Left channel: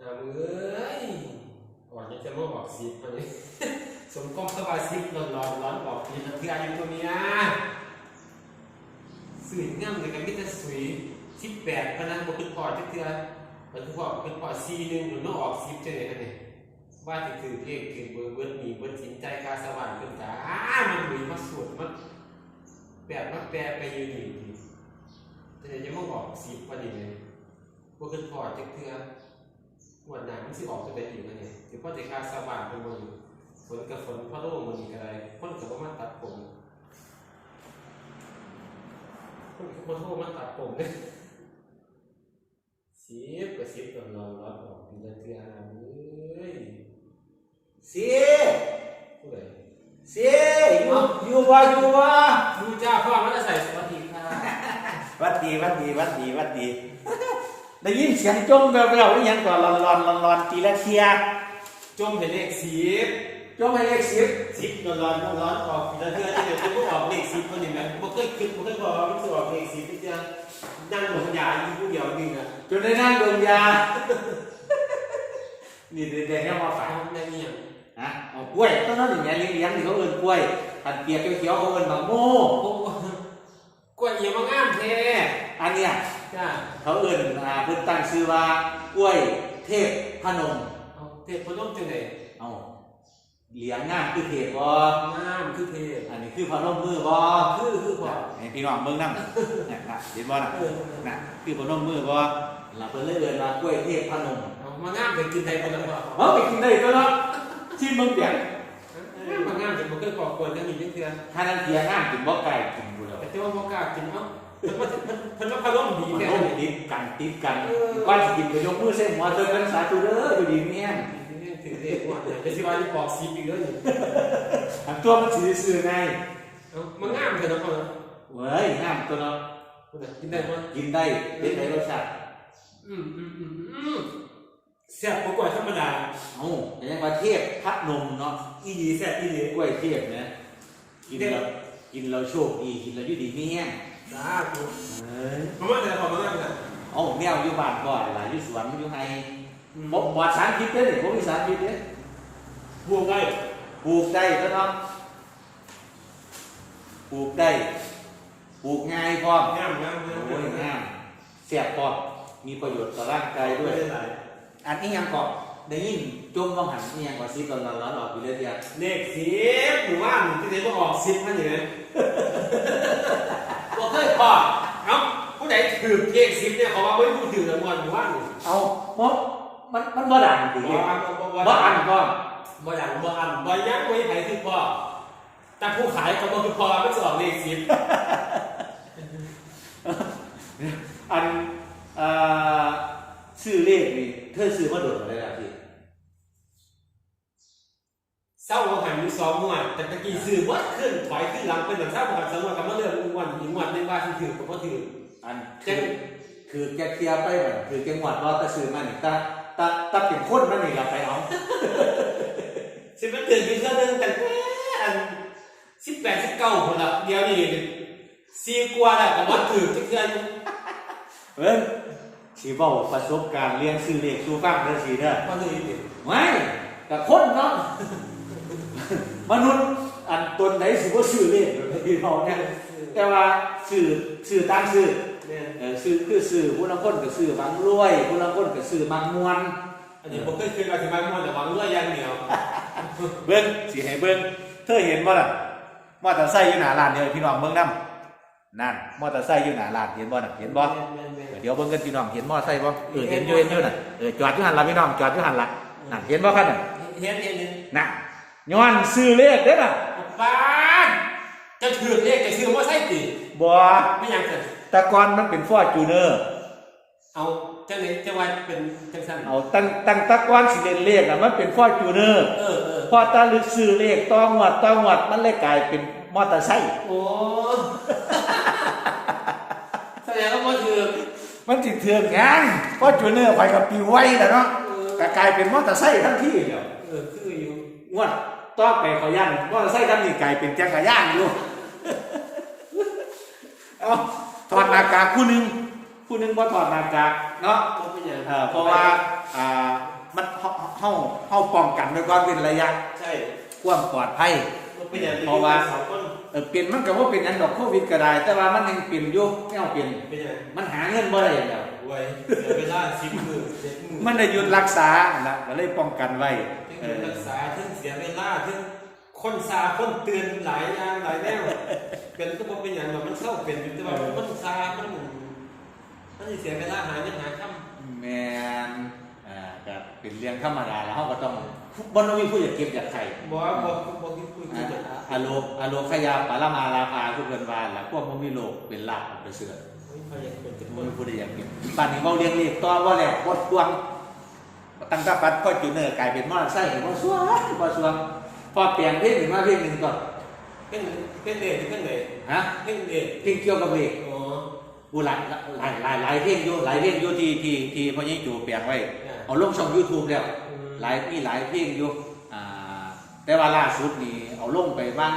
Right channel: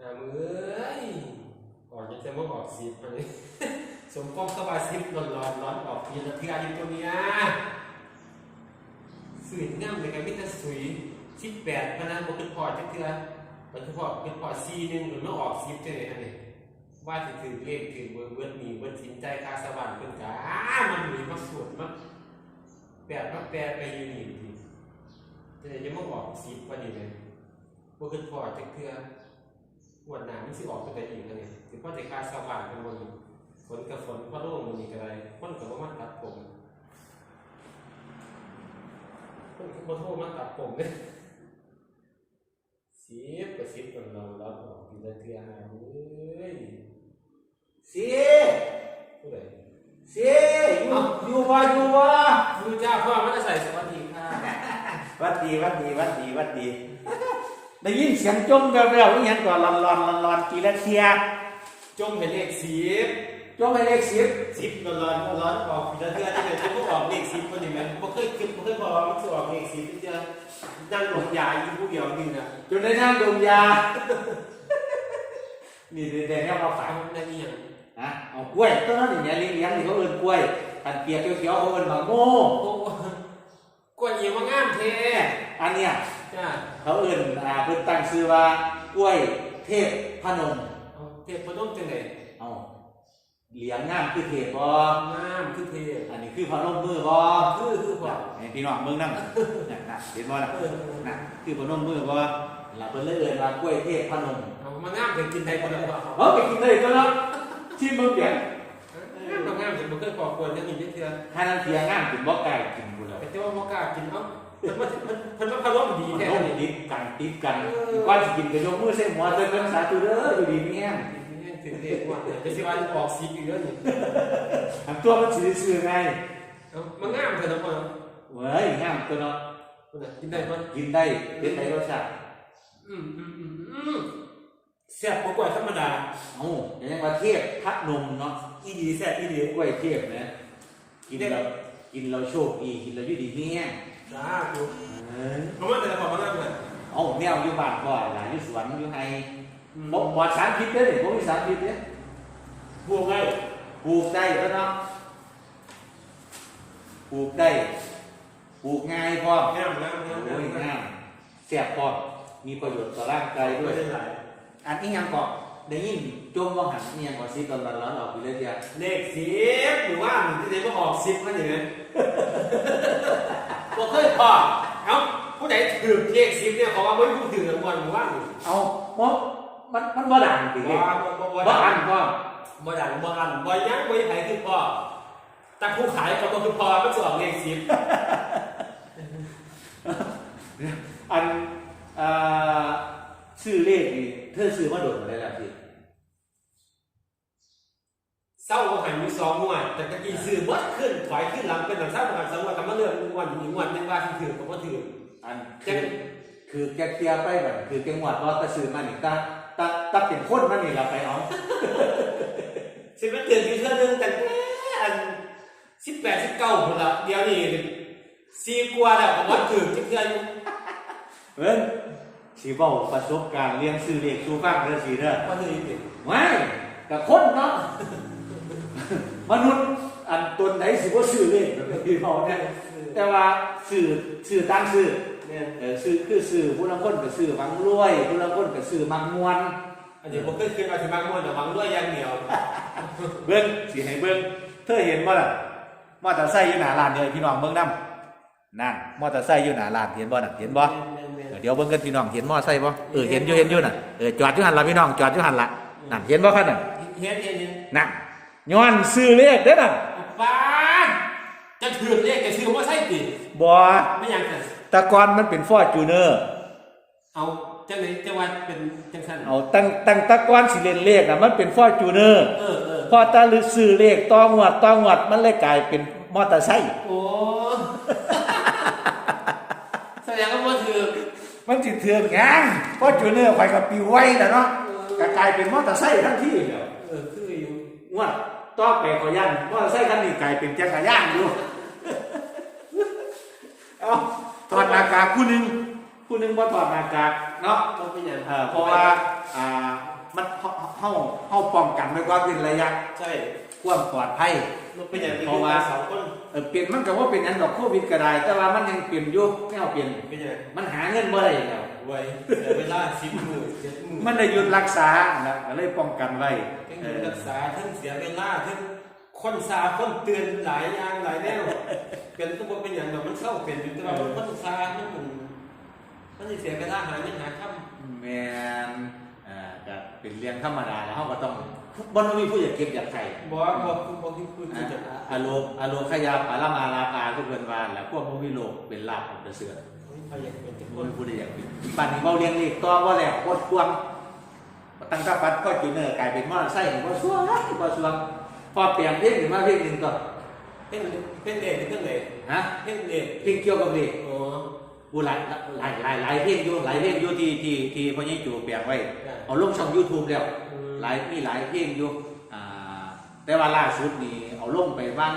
หามือเอ้ยออกยังจะมาออกสิบอันนี้สมกองสบายสิบร้อนร้อนร้อนออกมีน้ำเกลืออยู่ตัวเนี้ยสื่อง่ำเลยกันมิตรสวยสิบแปดพนันบกขึ้นพอจักเทือมันคือพอขึ้นพอซีหนึ่งหรือไม่ออกสิบจะไหนอันนี้ว่าจะถือเลขถือเบอร์เบิร์ดมีเบิร์ดสินใจคาสว่างเป็นกามันหนุยมาสวดมันแปดมาแปลไปอยู่นี่ดีจะไหนจะมาออกสิบพอดีเลยบกขึ้นพอจักเทือป วดหนามันสิออกตัวแต่อีกนะเนี่ยหรือพ่อจะคาสว่างเป็นบนฝนกับฝนพ่อโล่งบนอีกอะไรคนกับว่ามาตัดผมคนกับพ่อโล่มาตัดผมเลยสิบกับสิบตอนนอนร้อนออกทีละเทือหาเอ้ยสิผู้ใดสิอยู่อยู่ว่าอยู่ว่าดูจ้าพ่อมันจะใส่สวัสดีค่ะวัดดีวัดดีวัดดีวัดดี ได้ยินเสียงจมแววๆอีหยังก่อนลอนลอนลอนลอนทีละเทียจมเป็นเลขสิบจมไปเลขสิบสิบร้อนร้อนร้อนออกทีละเทือที่เดี๋ยวจะพวกออกเลขสิบคนนี้ไหมบ่เคยคิดบ่เคยบอกว่ามันจะออกเลขสิบที่จะนั่งหลงยาอยู่ผู้เดียวนึงอะจนได้นั่งดมยา นี่เด็กๆเนี่ยมาฝากฟังได้ยังนะเอากล้วยต้นนั้นอย่างเงี้ยเลี้ยงๆนี่เขาเอิ้นกล้วยอันเปียกเขียวๆเขาเอิ้นบางโม่โอ้กล้วยเอียมางามเท่อันเนี้ย จ้าเขาเอิ้นอ่าเพิ่นตั้งชื่อว่ากล้วยเทพพนมเอาเทพพนมจังไดเอาเหลียงงามคือเทพบ่งามคือเทพอันนี้คือพนมมือบ่คือคือพอให้พี่น้องเบิ่งนำน่ะเห็นบ่ล่ะเออน่ะคือพนมมือบ่เราเพิ่นเลยเอิ้นว่ากล้วยเทพพนมเอามางามเป็นกินได้คนละบ่เฮาไปกินได้ก็เนาะที่เมืองเปียงมางามเป็นบ่เคยก่อกวนจังนี้เทื่อถ้านั้นเทียงามกินบ่ไก่กินบุแล้วแต่เจ้าบ่กล้ากินเอ้าเพิ่นว่าเพิ่นเพิ่นว่าพนมดีมันแท้ต้องนี่ติดกันติดกันก่อนสิกินไปยกมือใส่หัวเพิ่นเพิ่นสาธุเด้ออยู่ดีมีแฮงนี่ถือเลขว่าจะสิว่าจะออกสีอีกเด้อนี่อันตัวมันสิซื่อไงเอามางามเถอะเนาะพ่อเว้ยงามตัวเนาะพุ่นน่ะกินได้บ่กินได้เป็นได้รสชาติอืมอืมอืมอืมแซ่บกว่าธรรมดาเอ้ายังว่าเทพพัดนมเนาะอีดีแซ่บอีดีกล้วยเทพนะกินแล้วกินแล้วโชคดีกินแล้วอยู่ดีมีแฮง สาธุเอ้ยเพราะว่าแต่ละพอมางามน่ะเอ้าแนวอยู่บ้านก็หลานอยู่สวนอยู่ไห้อืมบ่บ่สารพิษเด้อนี่บ่มีสารพิษเด้อบวกได้ปลูกได้ก็เนาะปลูกได้ปลูกง่ายพร้อมงามงามงามโอ้ยงามเสียบพร้อมมีประโยชน์ต่อร่างกายด้วย ไม่ได้หลายอันนี้ยังเกาะได้ยิ่งจมว่างหันนี่ยังกว่าซีตอนร้อนๆออกอยู่เลยเดียวเลขสิบหรือว่าหนูที่ไหนก็ออกสิบมาอย่างนั้น บอกเคยพอเอ้าผู้ใดถือเลขสิบเนี่ยเขาว่าเฮ้ยผู้ถือรางวัลหรือว่าหนูเอาเพราะมันมันบ่ดังจริงบ่ๆบ่บ่อันก็บ่อย่างบ่อันบ่ยังบ่ไผคือพ่อแต่ผู้ขายก็บ่คือพ่อมันจะออกเลขสิบอันอ่าซื้อเลขนี่เธอซื้อมาโดดมาได้แล้วพี่ เศร้าบ่หันอยู่สองงวดแต่ตะกี้ซื้อวัดขึ้นถอยขึ้นหลังเป็นหลังเศร้าบ่หันสองงวดก็มาเลือกงวดอีกงวดหนึงว่าสิถือก็บ่ถืออันจัคืงอคือแกเคลียร์ไปบัดคือจังหวัดว่าตะซื้อมานี่ตาตาตาเป็นคนมันนี่ล่ะไปเอาสิมันถือคือเทื่อนึงแต่อัน18 19พุ่นละเดี๋ยวนี้สี่กว่าแล้วก็บ่ถือจักเทื่ออยู่เพิ่นสิเว้าประสบการณ์เลี้ยงซื้อเลขสู่ฟังเด้อสิเด้อบ่ถือติไม่กับคนเนาะ มนุษย์อันตนไหนสิบ่ซื้อเลขแบบที่เขาเนี่ยแต่ว่าซื้อซื้อตามซื้อแม่นเออซื้อคือซื้อผู้ลางคนก็ซื้อมังรวยผู้ลางคนก็ซื้อมังมวนอันนี้บ่เคยคิดว่าสิมาม่วนแต่หวังรวยอย่างเดียวเบิ่งสิให้เบิ่งเธอเห็นบ่ล่ะมอเตอร์ไซค์อยู่หน้าร้านเดียวพี่น้องเบิ่งนํนั่นมอเตอร์ไซค์อยู่หน้าร้านเห็นบ่น่ะเห็นบ่เดี๋ยวเบิ่งกันพี่น้องเห็นมอไซค์บ่เออเห็นอยู่เห็นอยู่น่ะเออจอดอยู่หันละพี่น้องจอดอยู่หันละนั่นเห็นบ่ครับน่ะเฮ็ดเฮ็ดเฮ็ดน่ะ ย้อนซื้อเลขเด้อน่ะบ้านจะถือเนี่ยจะถือว่าใช่ติบ่ไม่ยังเกิดแตะกอนมันเป็นฟอร์จูเนอร์เอาจังไหนจังหวัดเป็นจังสันเอาตั้งตั้งแตะกอนสิเล่นเลขน่ะมันเป็นฟอร์จูเนอร์เออเออพอตาลึกซื้อเลขต้องงวดต้องงวดมันเลยกลายเป็นมอเตอร์ไซค์โอ้แสดงว่ามันคือมันสิเถื่อนงานฟอร์จูเนอร์ไปกับปิวไว้ล่ะเนาะก็กลายเป็นมอเตอร์ไซค์ทันทีแล้วเออคืออยู่ งวดต่อไปขอยันมอเตอร์ไซค์คันนี้กลายเป็นจักรยานอยู่เอาถอดหน้ากากผู้หนึงผู้หนึงบ่ถอดหน้ากากเนาะบ่เป็นหยังเอ่อเพราะว่าอ่ามันเฮาเฮาเฮาป้องกันไว้ก่อนเป็นระยะใช่ความปลอดภัย บ่เป็นหยังเพราะว่า สองคนเออเปลี่ยนมันก็ว่าเป็นอันดอกโควิดก็ได้ แต่ว่ามันยังเปลี่ยนอยู่ไม่เอาเปลี่ยน เป็นหยังมันหาเงินบ่ได้แล้ว ไว้แต่เวลาสิบมื้อเจ็ดมื้อ มันได้หยุดรักษานะก็เลยป้องกันไว้ทั้ง เอเงินอรักษาทั้งเสียเวลาทั้งคนซาคนเตือนหลายอย่างหลายแนวเป็นก็บ่เป็นหยังดอกมันเศร้าเป็นแต่ว่าคนซามันมันสิเสียเวลาหาเงินหาค่ำแมนอ่าก็เป็นเรื่องธรรมดาแล้วเฮาก็ต้องบ่ต้องมีผู้อยากเก็บอยากไข่บ่ว่าบ่บ่คิดคุยอ่ากันอ่าอโลอโลขยาปารามาราภาทุกเพิ่นว่าแล้วพวกบ่มีโลกเป็นลาภอันประเสริฐพยายามเป็นทุกคบ่นมีผู้ใดอยากกินป่านนี้เว้าเลี้ยงนี่ต่อบ่แล้วบ่ทวง ตั้งแต่ปัดก็จุเนอร์กลายเป็นมอเตอร์ไซค์บ่สวงบ่สวงพอเปลี่ยนเพลงนี่มาเพลงหนึงก่อนเป็นเป็นเอ็ดเป็นเอ็ดฮะเป็นเอ็ดเพลงเกี่ยวกับเลขอ๋อกูหลายหลายหลายหลายเพลงอยู่หลายเพลงอยู่ที่ที่ที่พ่อยิ่งจูเปลี่ยนไว้ได้เอาลงช่อง YouTube แล้วอืมหลายมีหลายเพลงอยู่อ่าแต่ว่าล่าสุดนี่เอาลงไปบ้าง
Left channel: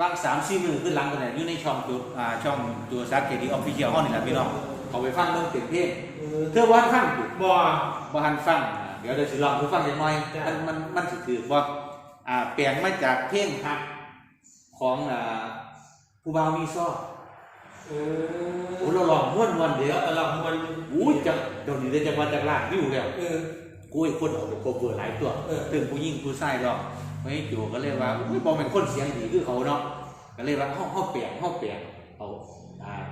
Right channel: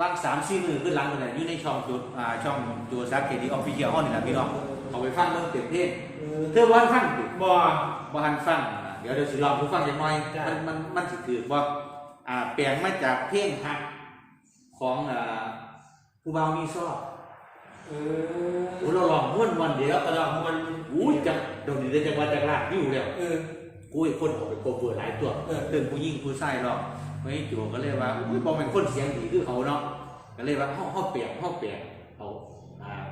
บ้างสามสี่มือขึ้นหลังกันเนี่ยอยู่ในช่องจุดอ่าช่องจูซักเคดีออฟฟิเชียลห้องนี่แหละพี่น้อง เอาไปฟังเมืองเต็มเพลงเออเธอบ้านฟังอยู่บ่บ้านฟังอ่าเดี๋ยวเดี๋ยวสิลองผู้ฟังจังหน่อย จ้ะ มันมันมันสิถือว่าอ่าแปลงมาจากเพลงฮักของอ่าผู้บ่าวมีซอบเอโอ้อเราลองม้วนวันเดียวตลอดมันอู้จังเดี๋ยวนี้ได้จังหวัดจากลากอยู่แล้วเออ กูอีกคนเอาไปโคเวอร์หลายตัวเออเพิ่นผู้หญิงผู้ชายหรอกไม่จูก็เลยว่าอุ้ยบ่เป็นคนเสียงดีคือเขาเนาะก็เลยว่าเฮาเฮาเปลี่ยนเฮาเปลี่ยน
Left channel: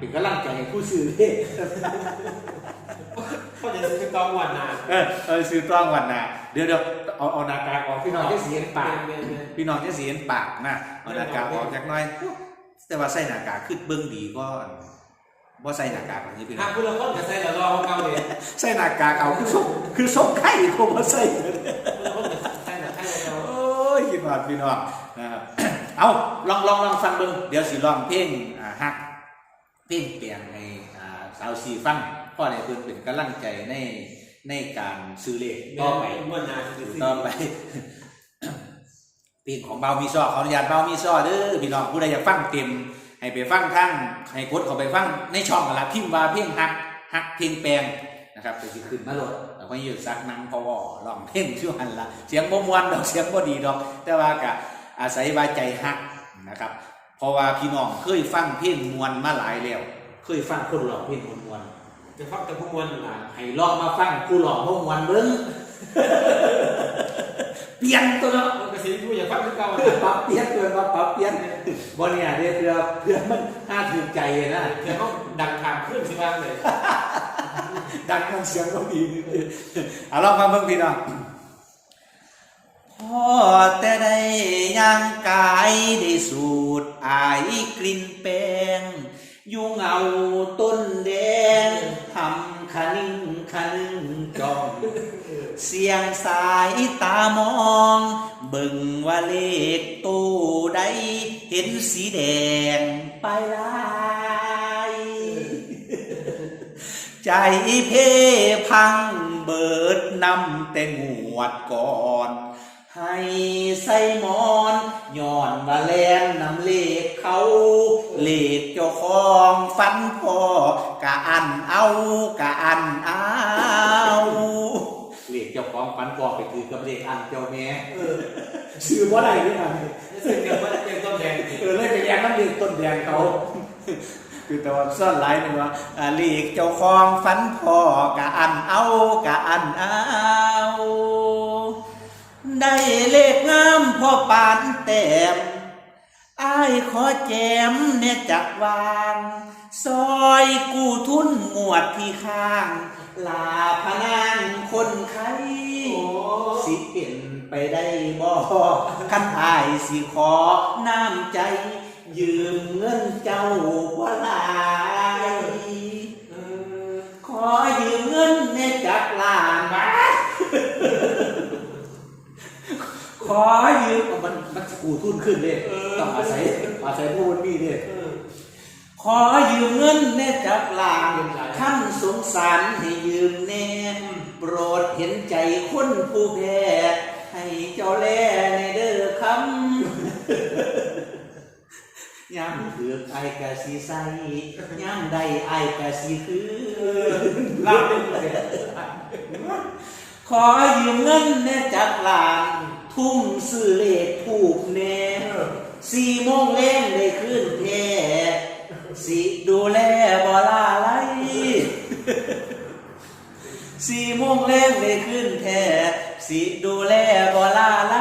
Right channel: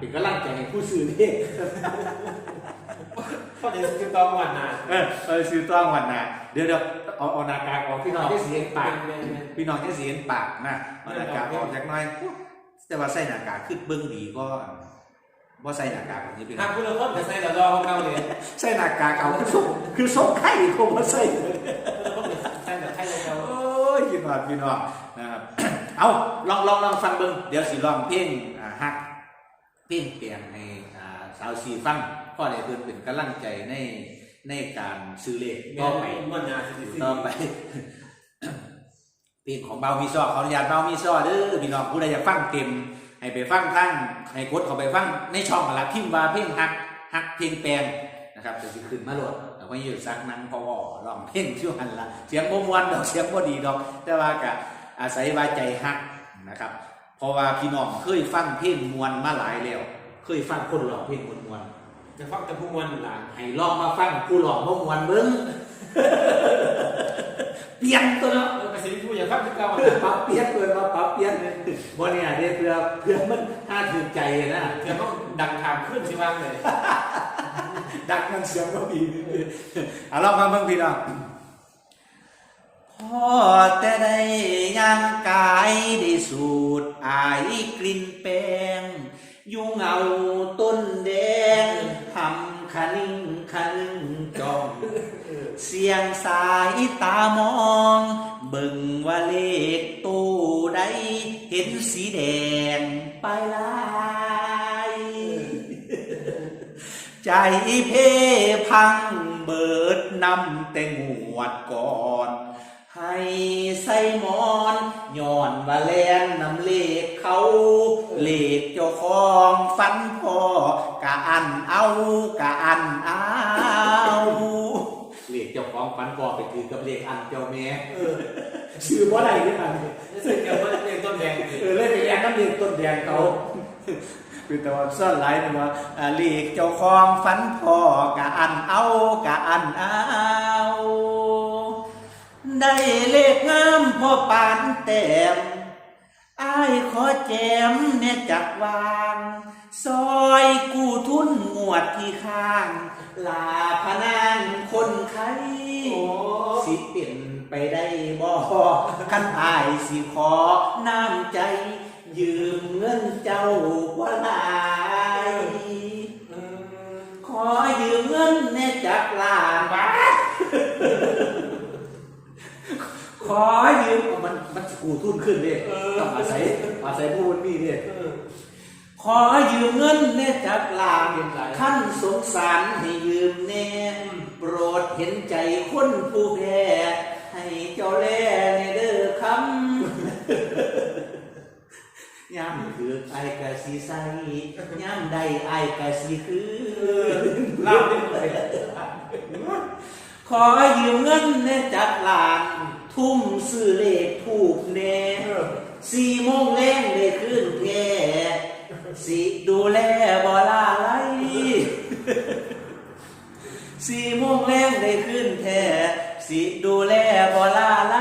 เอาอ่าเป็นกำลังใจให้ผู้ซื้อเด้ก็จะคือตองวันน่ะเออเออซื้อต้องวันน่ะเดี๋ยวเดี๋ยวเอาเอาหน้ากากออกพี่น้องจะเสียงปากพี่น้องจะเสียงปากนะเอาหน้ากากออกจักหน่อยแต่ว่าใส่หน้ากากคือเบิ่งดีก็บ่ใส่หน้ากากแบบนี้พี่น้หาองคุณละคนจะใส่ละรอของเราเนี่ยใส่หน้ากากเอาคือส่งคือส่งไข่ก็บ่ใส่คนจะใส่ละไทยเราโอ้ยพี่น้องพี่น้องนะครับเอาลองลองลองฟังเบิ่งเดี๋ยวสิลองเพลงอ่าฮักเพลงเปลี่ยนให้อ่าสาวสีฟังพ่อได้เพิ่นเป็นกำลังใจในในการซื้อเลขต่อไปมันนาสิต่อไปเพลงของเบามีซอขออนุญาตเบามีซอเด้อพี่น้องผู้ใดอยากฟังเต็ม ให้ไปฟังทั้งให้กดเข้าไปฟังในช่องกันละพิมพ์ว่าเพลงฮักฮักเพลงแปลงนะครับจะสิขึ้นมาโหลดแล้วก็อยู่ซักนังพอวอร้องเพลงชื่อหันละเสียงบ่มวนดอกเสียงบ่ดีดอก แต่ว่าก็อาศัยว่าใจฮักนะครับ เพราะว่าพี่น้องเคยฟังเพลงมวนมาหลายแล้ว เคยฟังคนร้องเพลงมวนจะฟังแต่ผู้มวลหลานๆให้ลองมาฟังผู้ร้องบ่มวนเบิ่งเปลี่ยนตัวเนาะเอาไปสิผู้อย่าฟังคือเก่าปรับเปลี่ยนตัวมาปรับเปลี่ยนบ่เนี่ยเด้เพื่อเพื่อมันน่าถือใจนะเดี๋ยวเขาดังถามขึ้นสิบ้างเลยดังมันเสียงบ่ดีเอาลองฟังเบิ่งพี่น้อง พอแต่ได้ย่างกายได้สูดอายกลิ่นแป้งอยู่เงาต้นแดงทำคนิ่งคะนึงจอง เสียงสายตามอง เบิ่งว่าเลขตู้ใดเห็นสีแดงไปลายใจเพพังเบิดนำแต่งวดก่อน ให้ใส่หมอนย้อนว่าแลนนำเลขเขาเลขเจ้าของฟันพอกะอันเอากะอันเอาเลขเจ้าของฟันพอไปคือกับเลขอันเจ้าแม่เออชื่อบ่ได้หรือเปล่ารู้สึกกับว่าเด็กต้นแดงสิเออเลยไปแย่งน้ำเลขต้นแดงเขาคือแต่ว่าซ่อนหลายนึงว่าอ่าเลขเจ้าของฟันพอกะอันเอากะอันเอา ได้เลขงามพอปานแต้มอ้ายขอแจมเนี่ยจักวาง ซอยกู้ทุนงวดที่ข้าง ลาพนางคนไข้โอ้สิเป็นไปได้บ่คันอายสิขอน้ำใจ ยืมเงินเจ้าว่าหลายเออขอยืมเงินแน่จักล้านบาท ขอยืมมันมันกูทุนขึ้นเลยต้องอาศัยอาศัยผู้มันมีเนี่ยเออขอยืมเงินแน่จักลางท่านสงสารให้ยืมแน่โปรดเห็นใจคนผู้แพ้ให้เจ้าแลในเด้อคำยามเดือกไอ้ายกะสิใส่ย่ำใดไอ้ายกะสิคือเล่าเลยขอยืมเงินแน่จักหลาน ทุ่มซื้อเลขผูกแน่สี่โมงแรงได้ขึ้นแก่สิดูแลบ่ลาไหลสี่โมงแรงได้ขึ้นแท้สิดูแลบ่ลาไหล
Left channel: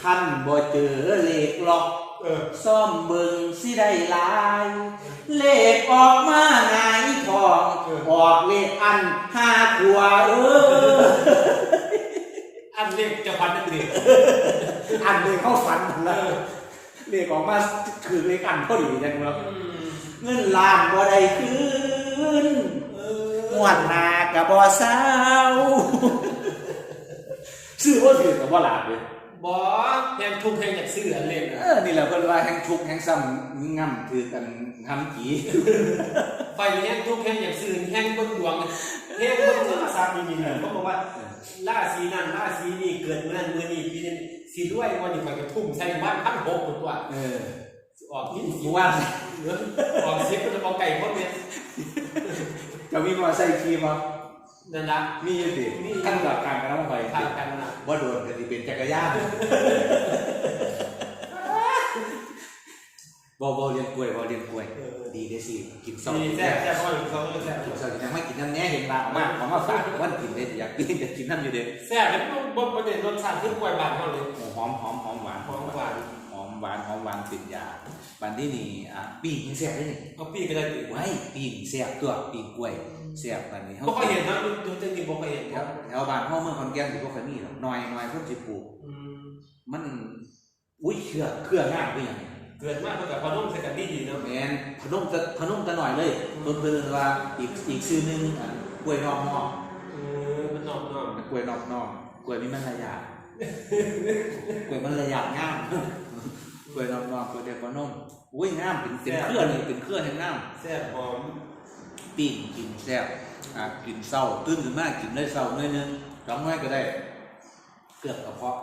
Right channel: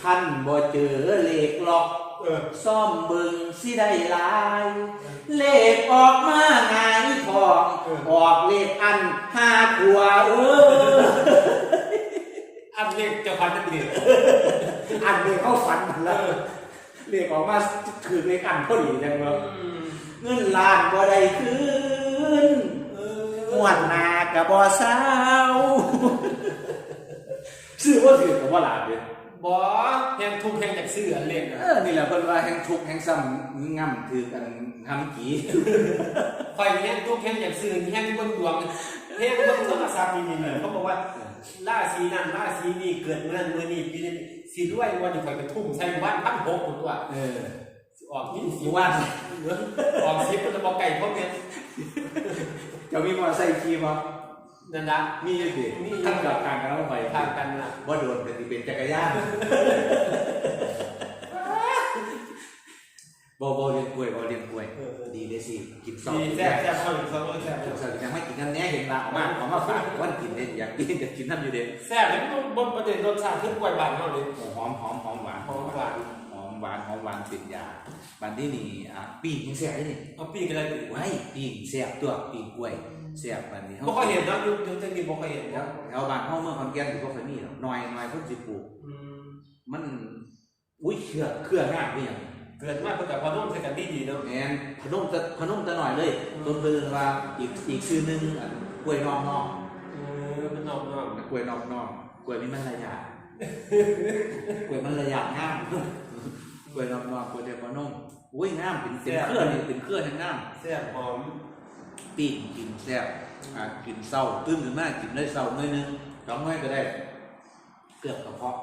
คันบ่เจอเลขหลอกเออซ่อมเบิงสิได้หลาย เลขออกมาไงายทอง ออกเลขอันห้าขวบเออ อันเล็กจะพันจะเด็กอันเลขเข้าฝันหมดแล้วเลขออกมาคือเลขอันพอดีจังเลยเงินล้านบ่ได้คืนงวดหนากับบ่เศร้าซื้อว่าถือกับว่าหลาดเลยบอแพงทุกแพงจากซื้ออันเล็กเออนี่แหละเพิ่นว่าแห่งทุกข์แห่งซ้ำง่ำถือกันทำกี่ไฟแพงทุกแพงจากซื้อแพงบนดวงแพงบนธรรมศาสตร์นี่นี่เขาบอกว่า ราศีนั้นราศีนี้เกิดเมื่อนั้นเมื่อนี้ปีนี้สีด้วยวันนี้ก็จะทุ่มใส่วันพันหกตัวเออออกนี่รู้ว่าเงินออกซิปเป็นบอกไก่พวกเนี้ยจะมีมอไซค์ขี่บ่นั่นละมีอยู่ติมีขั้นกับการกันลงไปทางกันนะว่าโดนก็สิเป็นจักรยาน บ่บ่เรียนกล้วยบ่เรียนกล้วย ดีเด้สิกินซอมีกินแซ่แซ่บแซ่บพ่อหรือเขาแซ่บกินซอยังไม่กินน้ำแน่เห็นลาออกมาของมาฝากวันกินได้อยากกินจะกินน้ำอยู่เด้แซ่บเป็นบนประเด็นรสชาติคือกล้วยบานเขาเลยโอ้หอมหอมหอมหวานหอมหวานหอมหวานหอมหวานเป็นยาบันที่นี่อะปีกยังแซ่บเลยนี่เอาปีกันเลยไว้ปีกแซ่บตัวปีกกล้วยแซ่บบันนี้เฮาบ่ค่อยเห็นนะดูดูจะมีบ่ค่อยเห็นแถวแถวบ้านเฮาเมืองขอนแก่นสิบ่ค่อยมีหรอกน้อยน้อยคนสิปลูกอืมมันอุ้ยเครือเครืองามคือหยัง เกิดมาเพื่อกับพอนุ่มใส่กันดีดีเนาะแม่นพนมตะพนมตะหน่อยเลยต้นเพิ่นว่าอีกอีกชื่อหนึงอันกล้วยนอกนอกเออมันนอกนอกกล้วยนอกนอกกล้วยมีมันระยะกล้วยมันระยะงามกล้วยนอกนอกกล้วยเดียวพนมอุ้ยงามเป็นเป็นเครือนี่เป็นเครือแห่งงามแซ่บหอมปิ้งกินแซ่บอ่ากินเศร้าตื่นขึ้นมากินได้เศร้าหน่อยหนึงสองหน่อยก็ได้เกือบกระเพาะ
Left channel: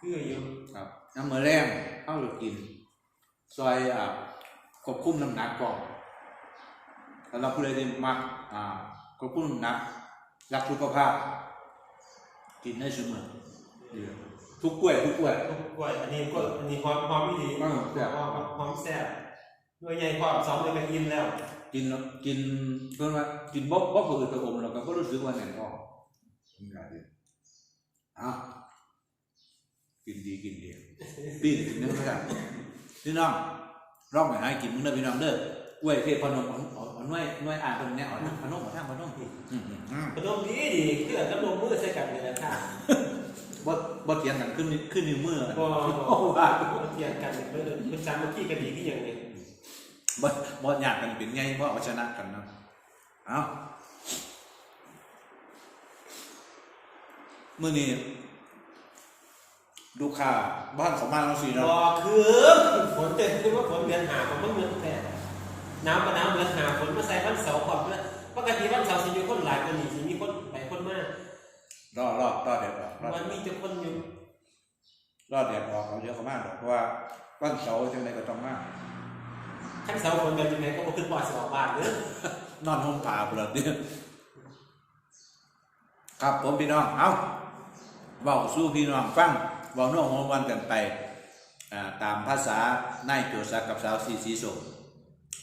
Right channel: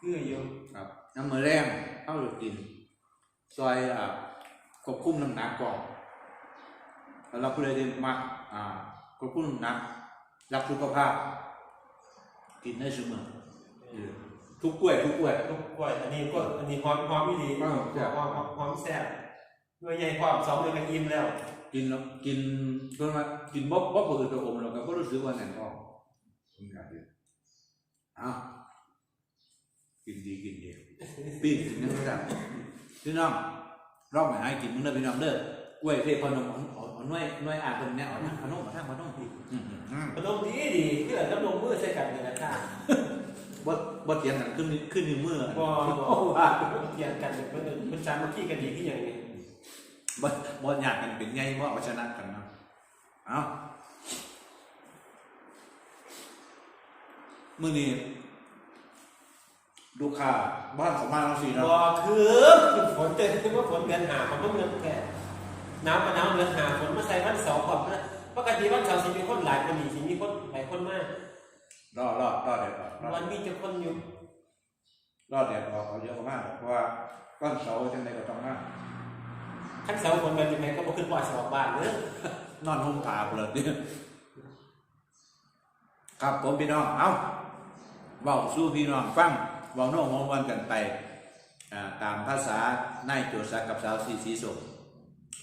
คืออยู่ครับน้ำมือแรงเข้าหรือกิน ซอยอ่าควบคุมน้ำหนักก่อนแล้วเราผู้ใดที่มักอ่าควบคุมน้ำหนักรักสุขภาพ กินได้เสมอเออทุกกล้วยทุกกล้วยทุกกล้วยอันนี้ก็อันนี้หอมหอมดีอืมแซ่บหอมหอมหอมแซ่บด้วยใหญ่ความสองเลยกันอิ่มแล้ว กินแล้วกินเพิ่นว่ากินบ๊อบบ๊อบเปิดตัวอมเราก็บ่รู้สึกว่าแน่นท้องกินได้ดีเอากินดีกินดีปิ้งกินนึงนะครับ พี่น้องร้องให้หายกินมึงเด้อพี่น้องเด้อกล้วยเทพนมอ่อนอ่อนอ่อนน้อยน้อยอ่านเพิ่นแนวอ่อนพนมมาทางพนมอืมอืมอืมขนมดีดีคือขนมมือใส่กันเลยนะค่ะบ่บ่เถียงกันขึ้นนิ้วขึ้นนิ้วมือบ่โอ้ว่าอย่างกันเพื่อนคุณสามัคคีกันดีที่อย่างนี้บ่บ่ญาติกันเป็นไงบ่เอาชนะกันนะเอามื้อนี้ ลูกค้าบ้านเขามาเราสิรเนาะอคือฝนเต็มคือว่าฝนเดือนหาของพวกเมืองแท้น้ำมาน้ำเดือนหาฝนมาใส่วันเสาร์ก่อนนะปกติวันเสาร์สิมีคนหลายคนนี่สิมีคนหลายคนมากรอรอรอเด็ดออกรอวันนี้จะคนอยู่รอเด็ดออกเขาเยอะเขามากเพราะว่าวันเสาร์จังไดก็ต้องมาขั้นเสาร์คนแบบยังไงก็มาขึ้นว่าสอบบ้านเนอะนอนห้องตาเปล่าเนี่ยครับผมพี่น้องเอ้าเว้าสู้พี่น้องฟังเว้าโน้องวันกันไปอ่าตามภาษานายโจซักกับสาวสีสีสม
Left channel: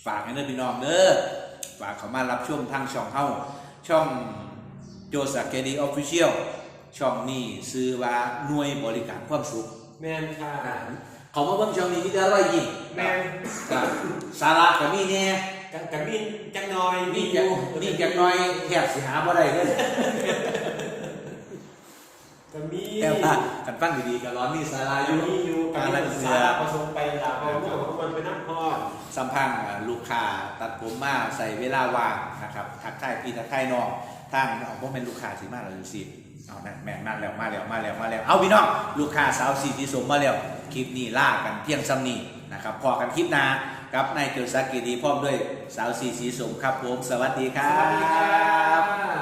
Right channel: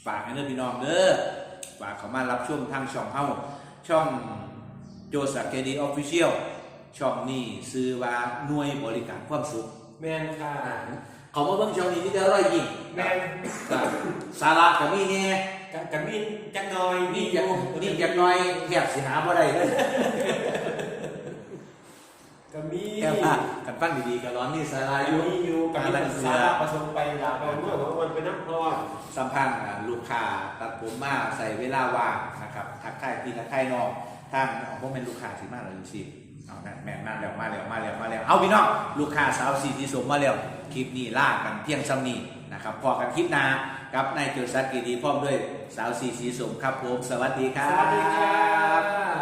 ฝากให้เด้อพี่น้องเด้อฝากเขามารับช่วงทางช่องเฮาช่องโจซักเกดีออฟฟิเชียลช่องนี้ซื้อว่าหน่วยบริการความสุขแมนค่ะเขามาเบิ่งช่องนี้มีแต่รอยยิ้มแมนครับสาระก็มีแน่กับกับมีจักหน้อยมีจักมีจักหน้อยแทบสิหาบ่ได้เลย กับมีแค่ว่ากันฟังดีๆก็ร้อนมีสาระอยู่มีอยู่กับการมีละเสืสาอระประสงค์ไปลาไปเมื่อวันไปนักพรสัมพันธ์อ่าลูกค้าตัดผมมาใส่เวลาว่างนะครับทักทายพี่ทักทายน้องท่านเอาบ่แม่นลูกค้าสิมาแล้วอยู่สิเอานั่นแม่นมาแล้วมาแล้วมาแล้วมาแล้วเอาพี่น้องลูกค้าสาวสีที่สมมาแล้วคลิปนี้ลากันเพียงซ้ำนี้นะครับพอกันคลิปหน้ากับนายโจซักกีดีพร้อมด้วยสาวสีสีสมครับผมสวัสดีคสรับ วัสดีครับ